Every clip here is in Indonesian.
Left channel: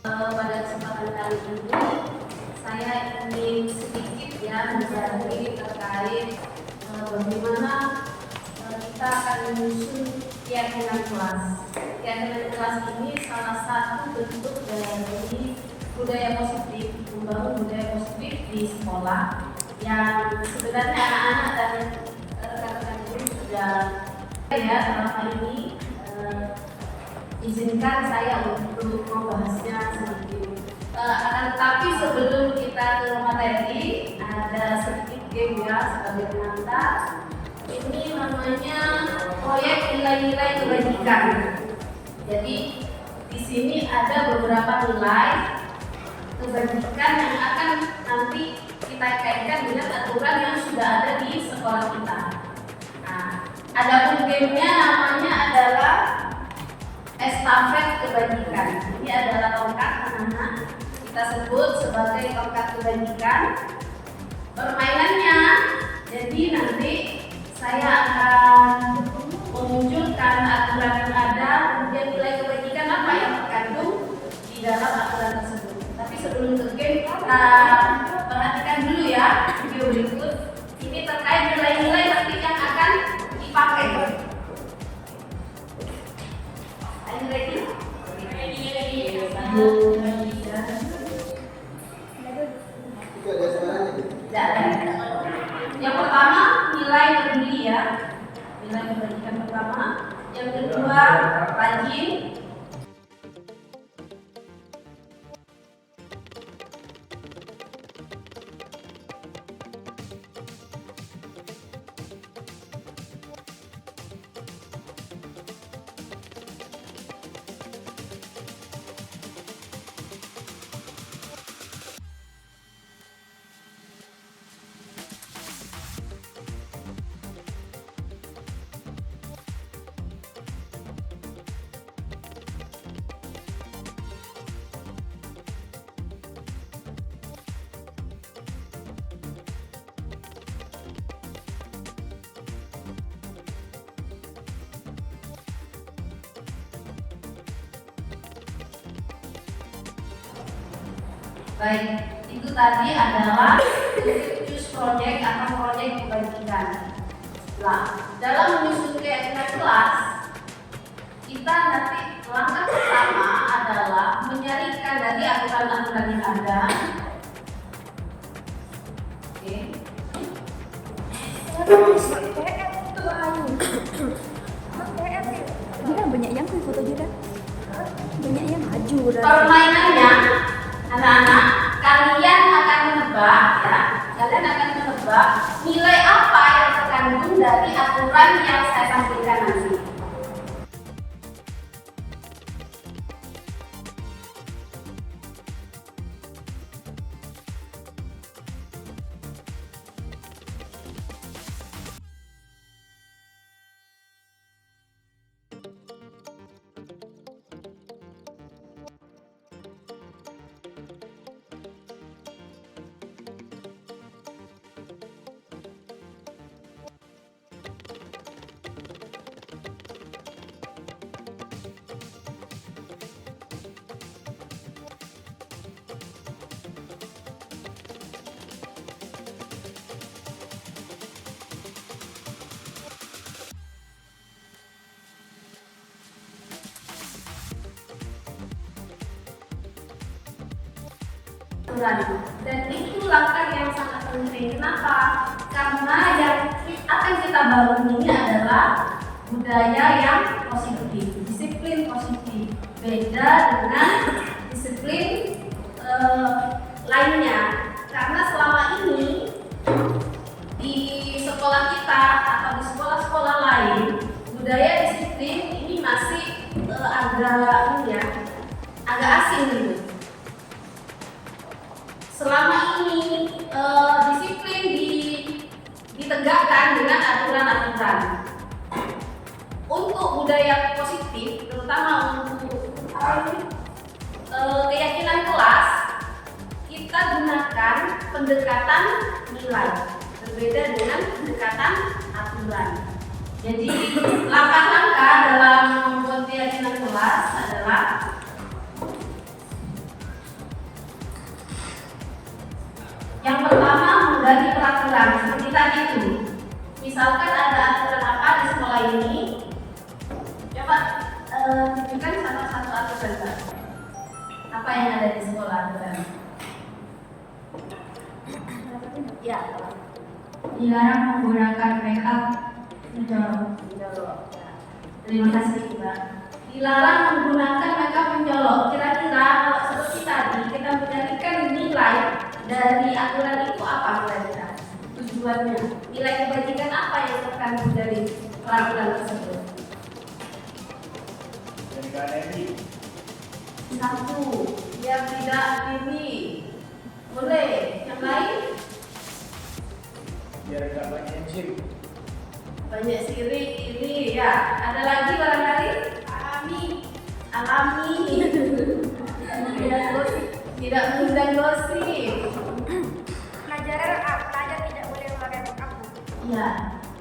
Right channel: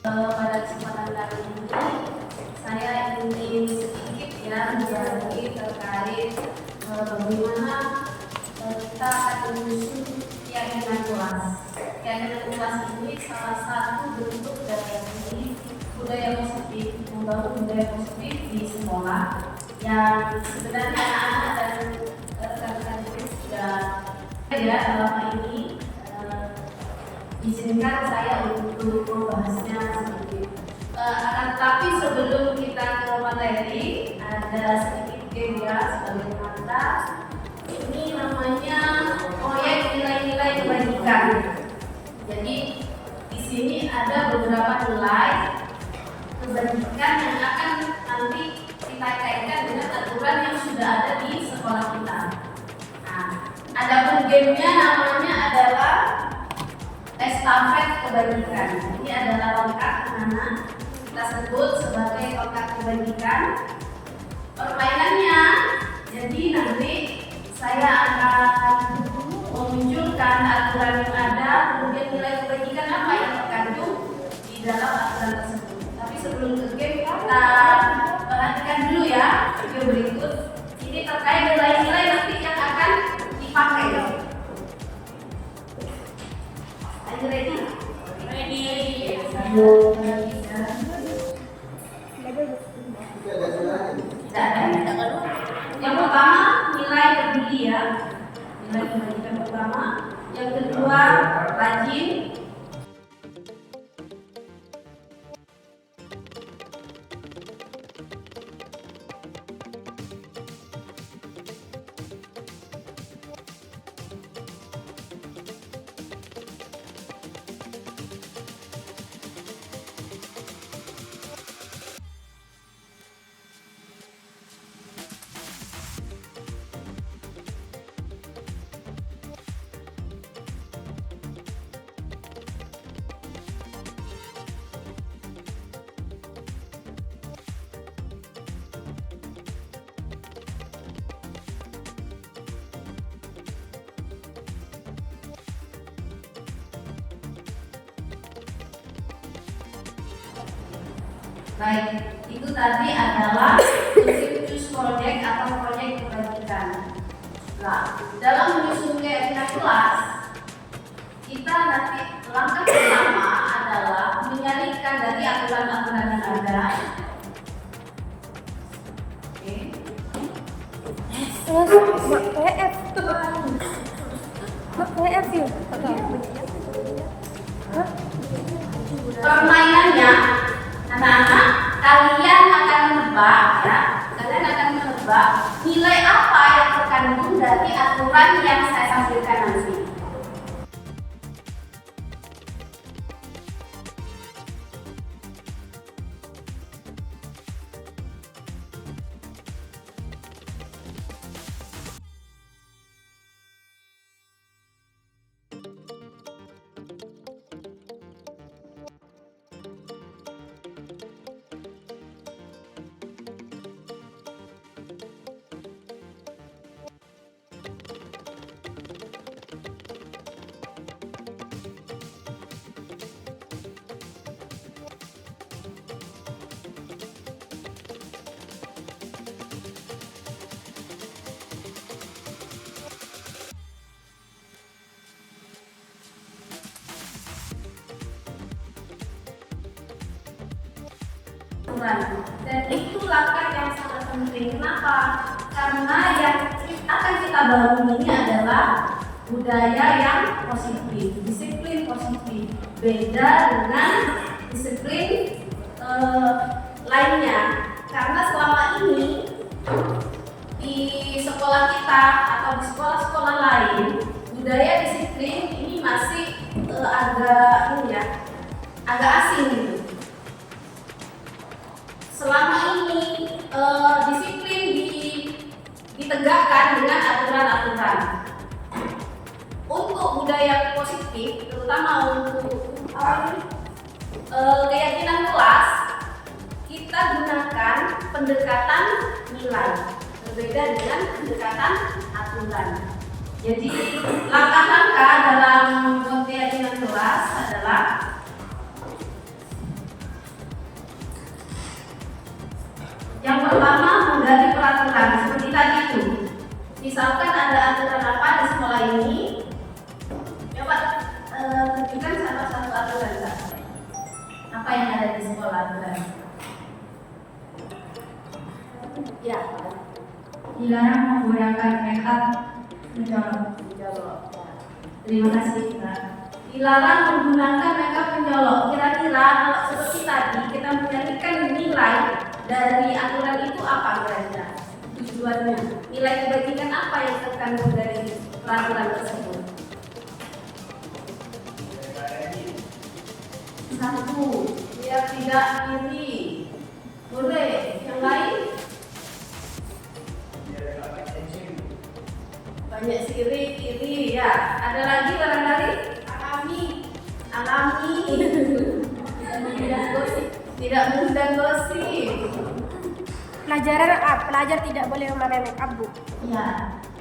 Pada kesempatan kali ini saya ingin sedikit berbagi terkait bagaimana kita akan menyusun keyakinan kelas. Keyakinan kelas ini salah satu bentuk dari budaya positif, membangun budaya positif di sekolah yang sebenarnya anak-anak dan rekan-rekan guru sudah dalam ini izinkan saya untuk membahasnya sedikit. Akan tetapi sebelum kita ke materi, ada sedikit game sebagai pengantar. Ini namanya proyek nilai-nilai kebajikan. Jadi di sini ada beberapa nilai kebajikan yang akan nanti kita kaitkan dengan aturan yang sudah ada di sekolah kita. Nah, ada gamenya namanya adalah estafet kebajikan. Ini adalah tongkat anak-anak, kita sebut sebagai tongkat kebajikan. Permainannya, jadi nanti saya akan memunculkan aturan yang ada, kemudian nilai kebajikan apa yang terkandung di dalam aturan tersebut. Tapi sebelum ke game, kita perhatikan dulu ya video berikut. Ini terkait nilai-nilai nanti yang akan dipakai. Ready? Yang pertama nilai tertinggi ya, nilai kebajikan pertama. Yang kedua rajin. Baik, itu tadi adalah choose project atau proyek kebajikan. Nah, dalam menyusun keyakinan kelas, kita nanti langkah pertama adalah menyarikan dari aturan-aturan yang ada. Permainannya, anak-anak, kalian akan menebak ya. Kalian akan menebak nilai apa yang terkandung dari aturan yang saya tampilkan nanti. Dan itu langkah yang sangat penting. Kenapa? Karena yang akan kita bangun ini adalah budaya yang positif, disiplin positif. Beda dengan disiplin lainnya. Karena selama ini di sekolah kita atau di sekolah-sekolah lain, budaya disiplin ini masih agak asing gitu. Selama ini disiplin ditegakkan dengan aturan-aturan. Untuk budaya positif, terutama untuk keyakinan kelas, kita gunakan pendekatan nilai, berbeda dengan pendekatan aturan. Jadi langkah-langkah dalam membuat keyakinan kelas adalah peraturan seperti tadi itu. Misalkan ada aturan apa di sekolah ini, coba tunjukkan satu aturan Kak. Apa yang ada di sekolah aturan? Ya, dilarang menggunakan makeup mencolok. Ya. Terima kasih Mbak. Dilarang menggunakan makeup mencolok. Kira-kira kalau seperti tadi kita mencarikan nilai dari aturan itu apa kira-kira? Tujuannya, nilai kebajikan apa yang terkandung dari peraturan tersebut? Satu, biar tidak iri. Boleh. Yang lain? Biar gak banyak gym. Banyak sirik, iri ya. Ada lagi barangkali? Alami. Tidak mengundang gosip. Pelajar tidak boleh memakai makeup, Bu. Ya.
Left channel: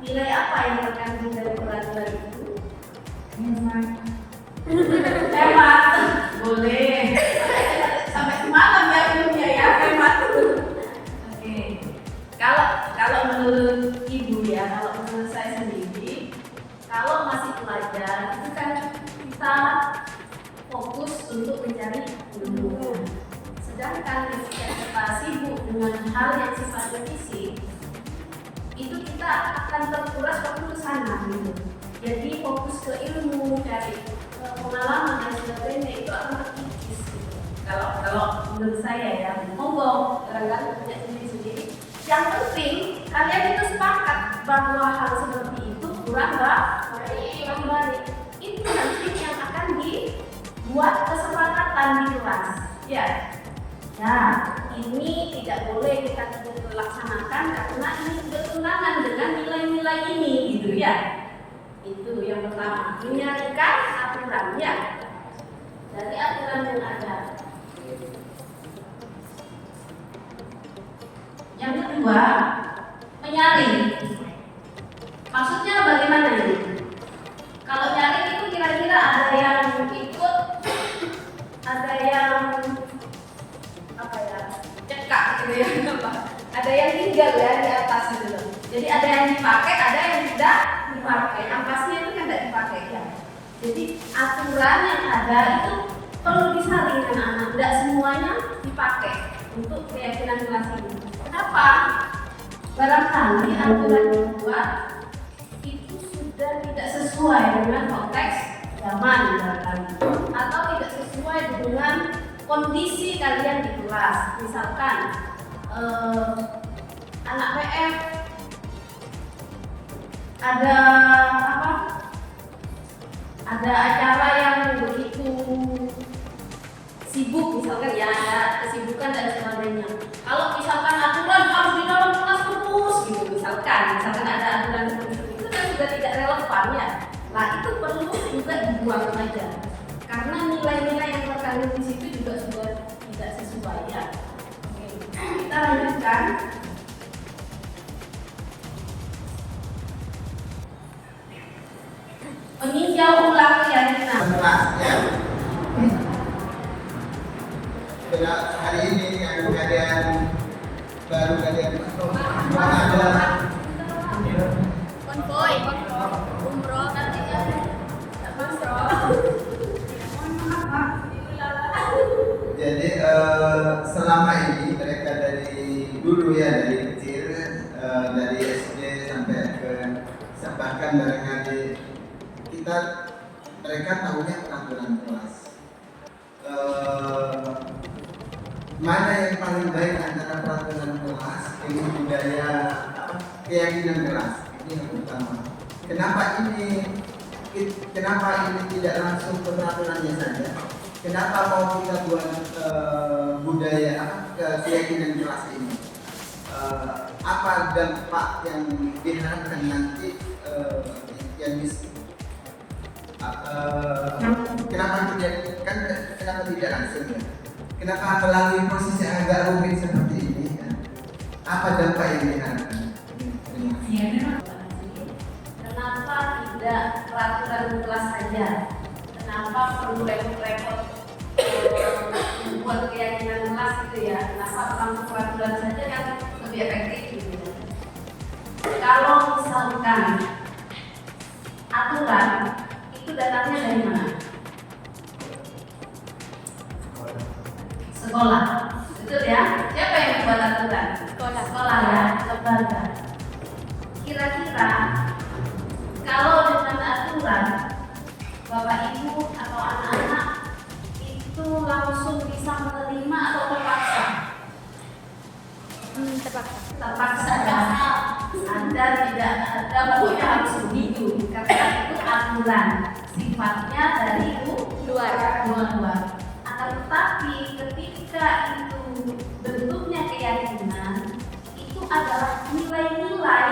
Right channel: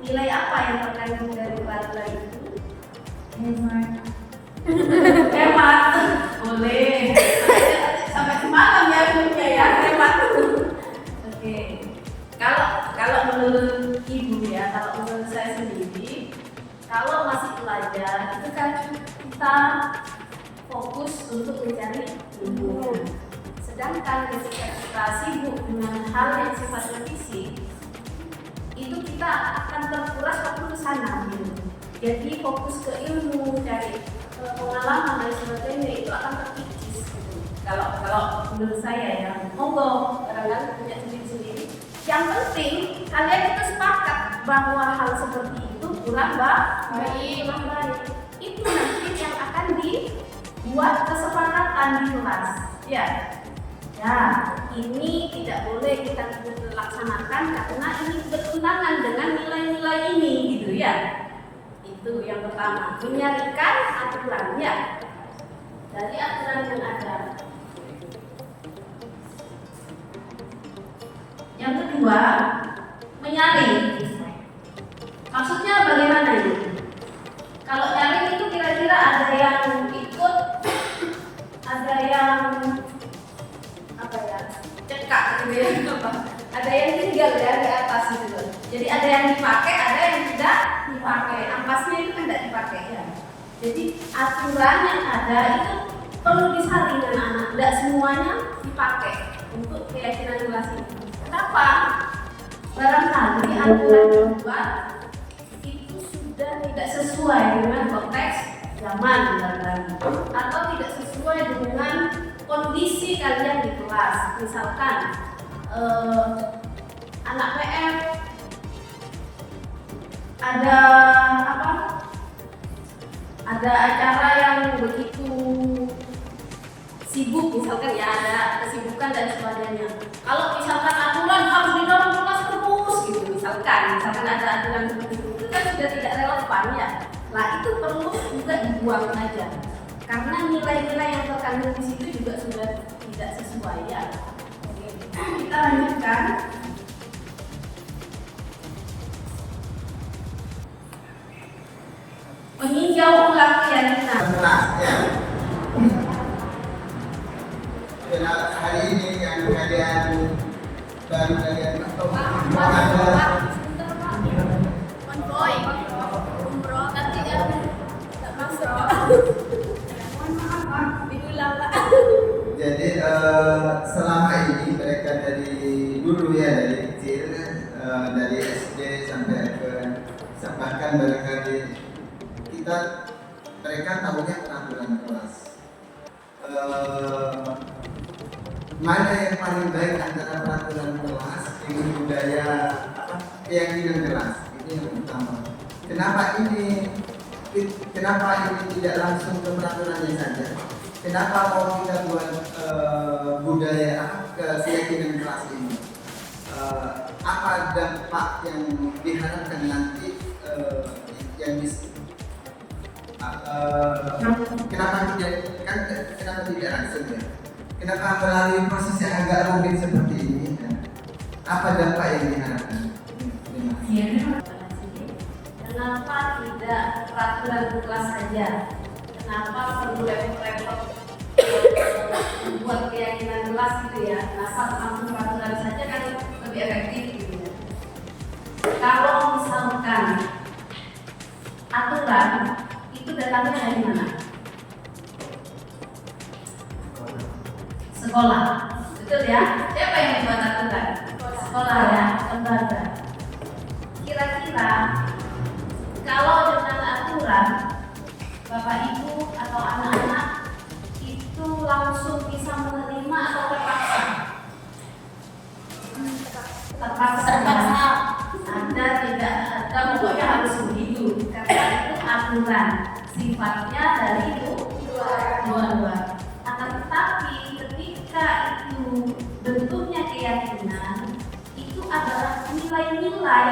Nilai apa yang terkandung dari peraturan itu? Hemat. Boleh. Sampai semalam ya filmnya ya, hemat. Oke. Kalau menurut Ibu ya, kalau menurut saya sendiri, kalau masih pelajar itu kan kita fokus untuk mencari ilmu. Sedangkan ketika kita sibuk dengan hal yang sifatnya fisik, itu kita akan terkuras waktu ke sana gitu. Jadi fokus ke ilmu, cari pengalaman dan sebagainya itu akan terkikis gitu. Kalau menurut saya ya, monggo barangkali punya sendiri-sendiri. Yang penting kalian itu sepakat bahwa hal seperti itu kurang baik. Itu nanti yang akan dibuat kesepakatan di kelas. Ya. Ya, ini tidak boleh kita laksanakan karena ini bertentangan dengan nilai-nilai ini gitu ya. Itu yang pertama, menyarikan aturan ya. Dari aturan yang ada. Yang kedua, menyaring. Maksudnya bagaimana ini? Kalau nyaring itu kira-kira ada yang ikut, ada yang cekak gitu ya, ada yang tinggal ya di atas gitu. Jadi ada yang dipakai, ada yang tidak dipakai. Ampasnya itu kan tidak dipakai ya. Jadi aturan yang ada itu perlu disaring anak-anak, tidak semuanya dipakai untuk keyakinan kelas ini. Kenapa? Barangkali aturan dibuat itu sudah tidak sesuai dengan konteks zaman barangkali, atau tidak sesuai dengan kondisi kalian di kelas. Misalkan anak PF ada apa? Ada acara yang begitu sibuk, misalkan ya ada kesibukan dan sebagainya. Kalau misalkan aturan harus di dalam kelas terus gitu, misalkan ada aturan seperti itu kan sudah tidak relevan ya. Nah itu perlu juga dibuang saja. Karena nilai-nilai yang terkandung di situ juga sudah tidak sesuai ya. Oke, kita lanjutkan. Meninjau ulang keyakinan. Ya. Hari ini yang kalian baru kalian adalah jadi selama ini mereka dari dulu ya, dari kecil, dari SD sampai ke bahkan barangkali mereka tahunya peraturan kelas. Mana yang paling baik antara peraturan kelas dengan budaya keyakinan kelas, ini yang pertama. Kenapa ini tidak langsung ke peraturannya saja? Kenapa mau kita buat budaya keyakinan kelas ini? Apa dampak yang diharapkan nanti yang kenapa tidak langsung ya? Kenapa melalui proses yang agak rumit seperti ini? Ya? Apa dampak yang diharapkan? Kenapa tidak peraturan kelas saja? Kenapa perlu repot-repot membuat keyakinan kelas itu ya? Kenapa langsung peraturan saja kan lebih efektif gitu ya? aturan itu datangnya dari mana? Sekolah, betul ya? Siapa yang membuat aturan? Sekolah ya, lembaga. Kira-kira kalau dengan aturan Bapak Ibu atau anak-anak itu langsung bisa menerima atau terpaksa? Terpaksa. Anda tidak ada, pokoknya harus begitu karena itu aturan sifatnya dari luar. Akan tetapi ketika itu bentuknya keyakinan, itu adalah nilai-nilai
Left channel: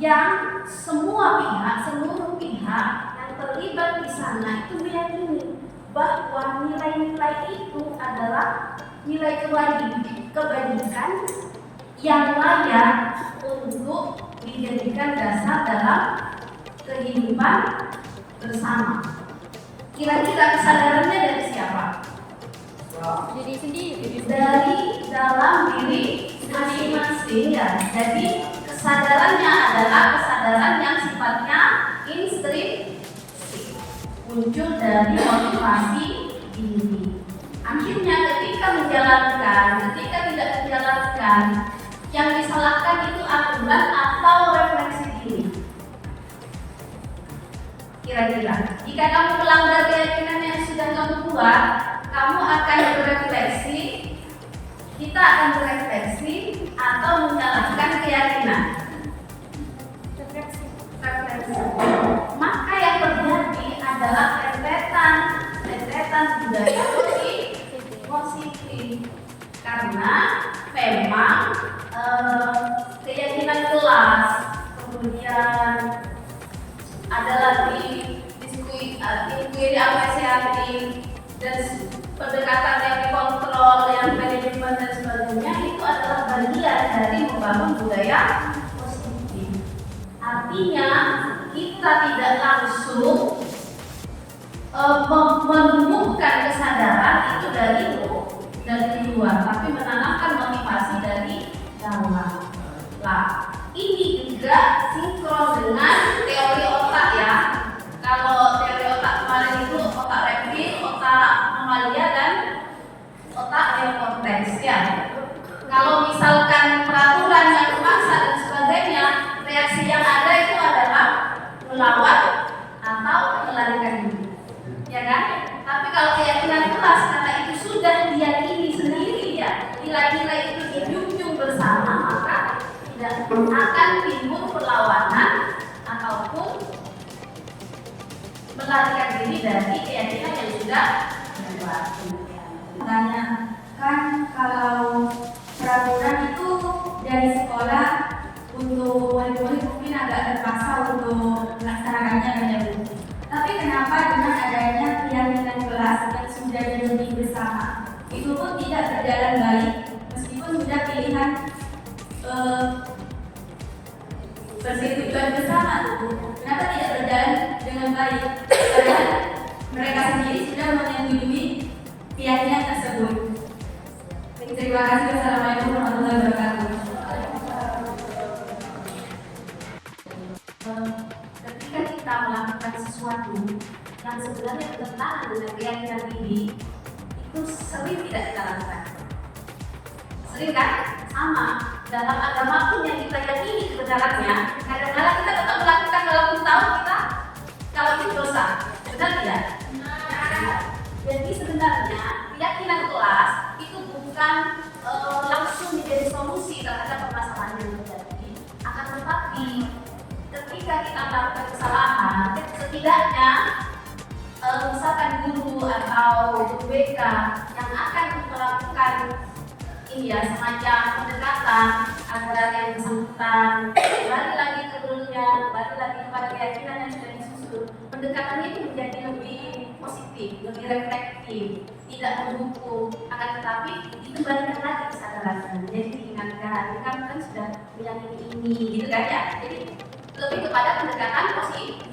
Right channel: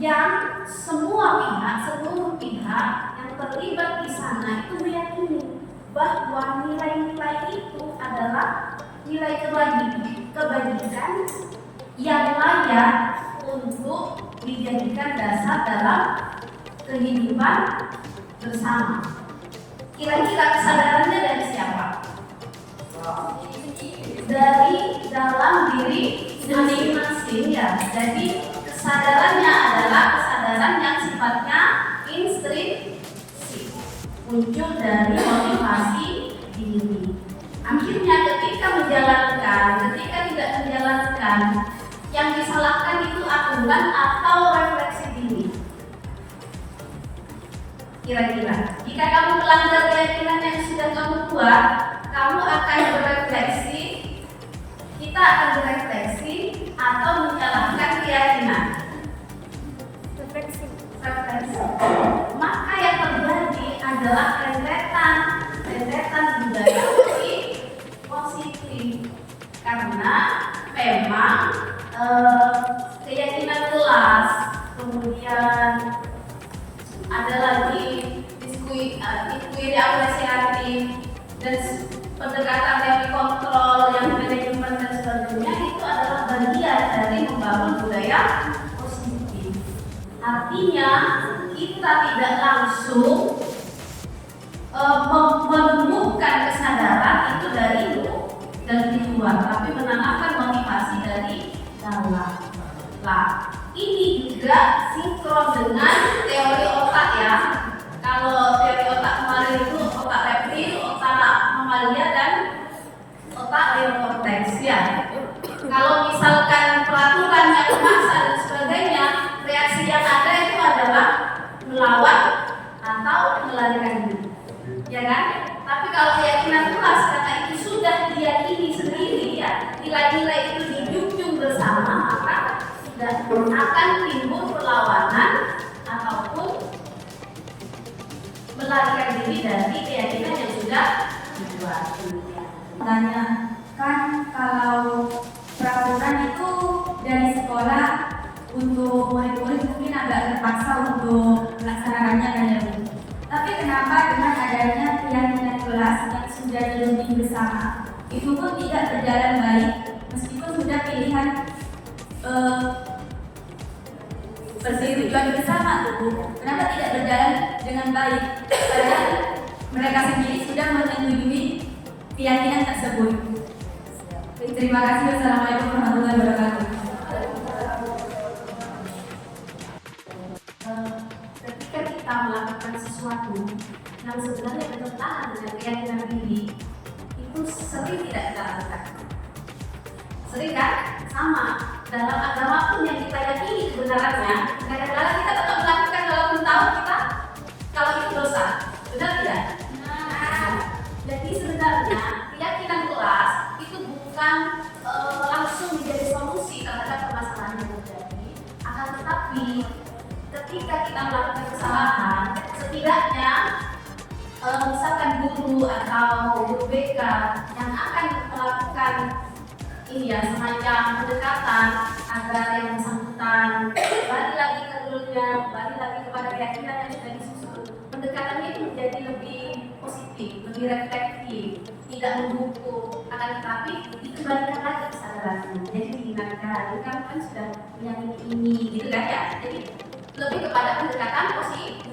yang seluruh pihak yang terlibat di sana itu meyakini bahwa nilai-nilai itu adalah nilai kebajikan yang layak untuk dijadikan dasar dalam kehidupan bersama. Kira-kira kesadarannya dari siapa? Dari dalam diri masing-masing ya. Jadi kesadarannya adalah kesadaran yang sifatnya intrinsik, muncul dari motivasi diri. Akhirnya ketika tidak menjalankan, yang disalahkan itu aturan atau refleksi diri. Kira-kira, jika kamu melanggar keyakinan yang sudah kamu buat, kamu akan berefleksi, kita akan berefleksi atau menyalahkan keyakinan. Refleksi. Maka yang terjadi adalah rentetan budaya positif karena memang keyakinan kelas, kemudian ada lagi inquiry apresiatif dan pendekatan yang dikontrol, yang manajemen dan sebagainya itu adalah bagian dari membangun budaya positif. Artinya kita tidak langsung menemukan kesadaran itu dari luar, tapi menanamkan motivasi dari dalam. Nah, ini juga sinkron dengan teori otak ya. Kalau teori otak kemarin itu otak reptil, otak mamalia dan otak neokorteks ya. Kalau misalkan peraturan yang memaksa dan sebagainya, reaksi yang ada itu adalah melawan atau melarikan diri, ya kan? Tapi kalau keyakinan kelas, karena itu sudah diyakini sendiri ya, nilai-nilai itu dijunjung bersama, maka tidak akan timbul perlawanan ataupun melarikan diri dari keyakinan yang sudah dibuat. Tanya, kan kalau peraturan itu dari sekolah untuk murid-murid mungkin agak terpaksa untuk melaksanakannya banyak. Tapi kenapa dengan adanya keyakinan kelas yang sudah dilalui bersama itu pun tidak berjalan baik meskipun sudah pilihan persetujuan bersama tuh, kenapa tidak berjalan dengan baik? Padahal mereka sendiri sudah menyetujui keyakinan tersebut. Terima kasih. Wassalamualaikum warahmatullahi wabarakatuh. Ketika kita melakukan sesuatu yang sebenarnya bertentangan dengan keyakinan diri, itu sering tidak kita lakukan. Sering kan? Sama. Dalam agama pun yang kita yakini kebenarannya, kadang-kadang kita tetap melakukan walaupun tahu kita kalau itu dosa. Benar tidak? Nah, jadi sebenarnya keyakinan kelas itu bukan langsung menjadi solusi terhadap permasalahan yang terjadi. Akan tetapi ketika kita melakukan kesalahan, setidaknya misalkan guru atau guru BK yang akan melakukan ini ya, semacam pendekatan agar yang bersangkutan kembali lagi ke gurunya, kembali lagi kepada keyakinan yang sudah disusun. Pendekatan ini menjadi lebih positif, lebih reflektif, tidak menghukum. Akan tetapi itu balikan lagi kesadaran. Jadi diingatkan, kan sudah meyakini ini, gitu kan ya. Jadi lebih kepada pendekatan positif.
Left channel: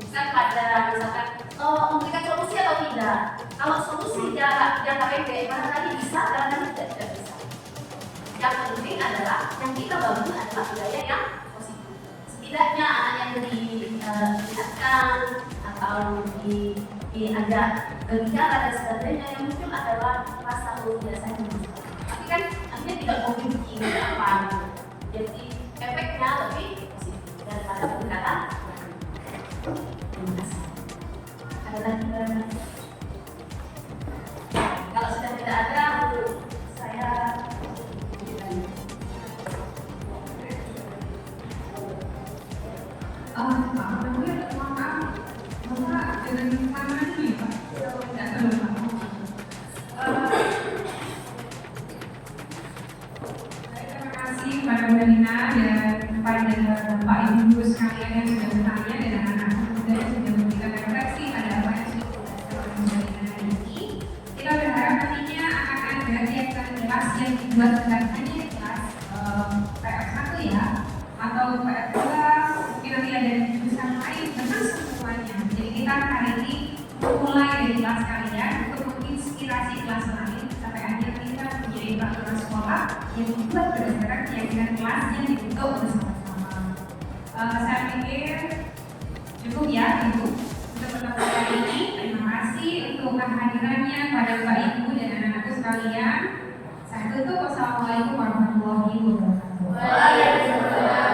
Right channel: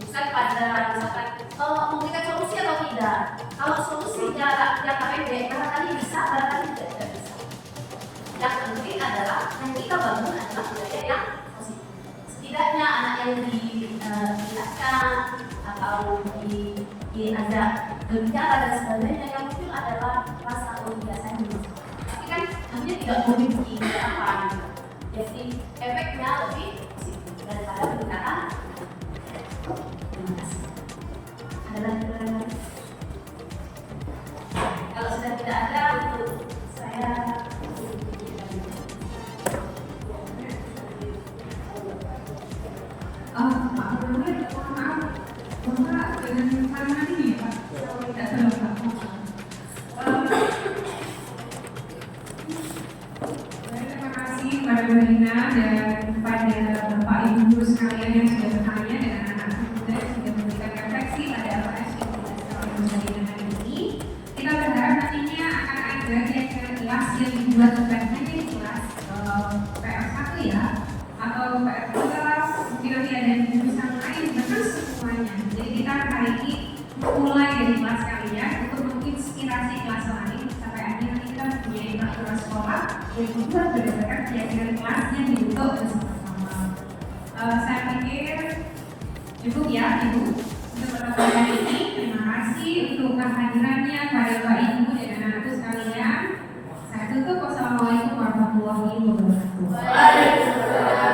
Bisa pada misalkan memberikan solusi atau tidak. Kalau solusi jangka pendek barangkali bisa, barangkali tidak bisa. Yang penting adalah yang kita bangun adalah budaya yang positif. Setidaknya anak yang di diingatkan atau diajak berbicara dan sebagainya, yang muncul adalah rasa biasanya. Tapi kan akhirnya tidak memiliki apa, jadi efeknya lebih positif daripada pendekatan. Ada lagi barangkali? Kalau sudah tidak ada, untuk saya dan kepada Bapak Ibu sekalian yang sudah bertanya dan anak-anak muda yang sudah memberikan refleksi ada apa yang sudah menjadi dengan ini. Kita berharap nantinya akan ada kegiatan kelas yang dibuat tentang di kelas PR1 ya, atau PR2, mungkin nanti ada di jurusan lain, betul semuanya. Jadi kita hari ini mulai dari kelas kalian untuk menginspirasi kelas lain sampai akhirnya kita menjadi peraturan sekolah yang dibuat berdasarkan keyakinan kelas yang dibentuk bersama-sama. Saya pikir cukup ya Ibu untuk pertemuan hari ini. Terima kasih untuk kehadirannya pada Bapak Ibu dan anak-anakku sekalian. Saya tutup. Wassalamualaikum warahmatullahi wabarakatuh. Waalaikumsalam.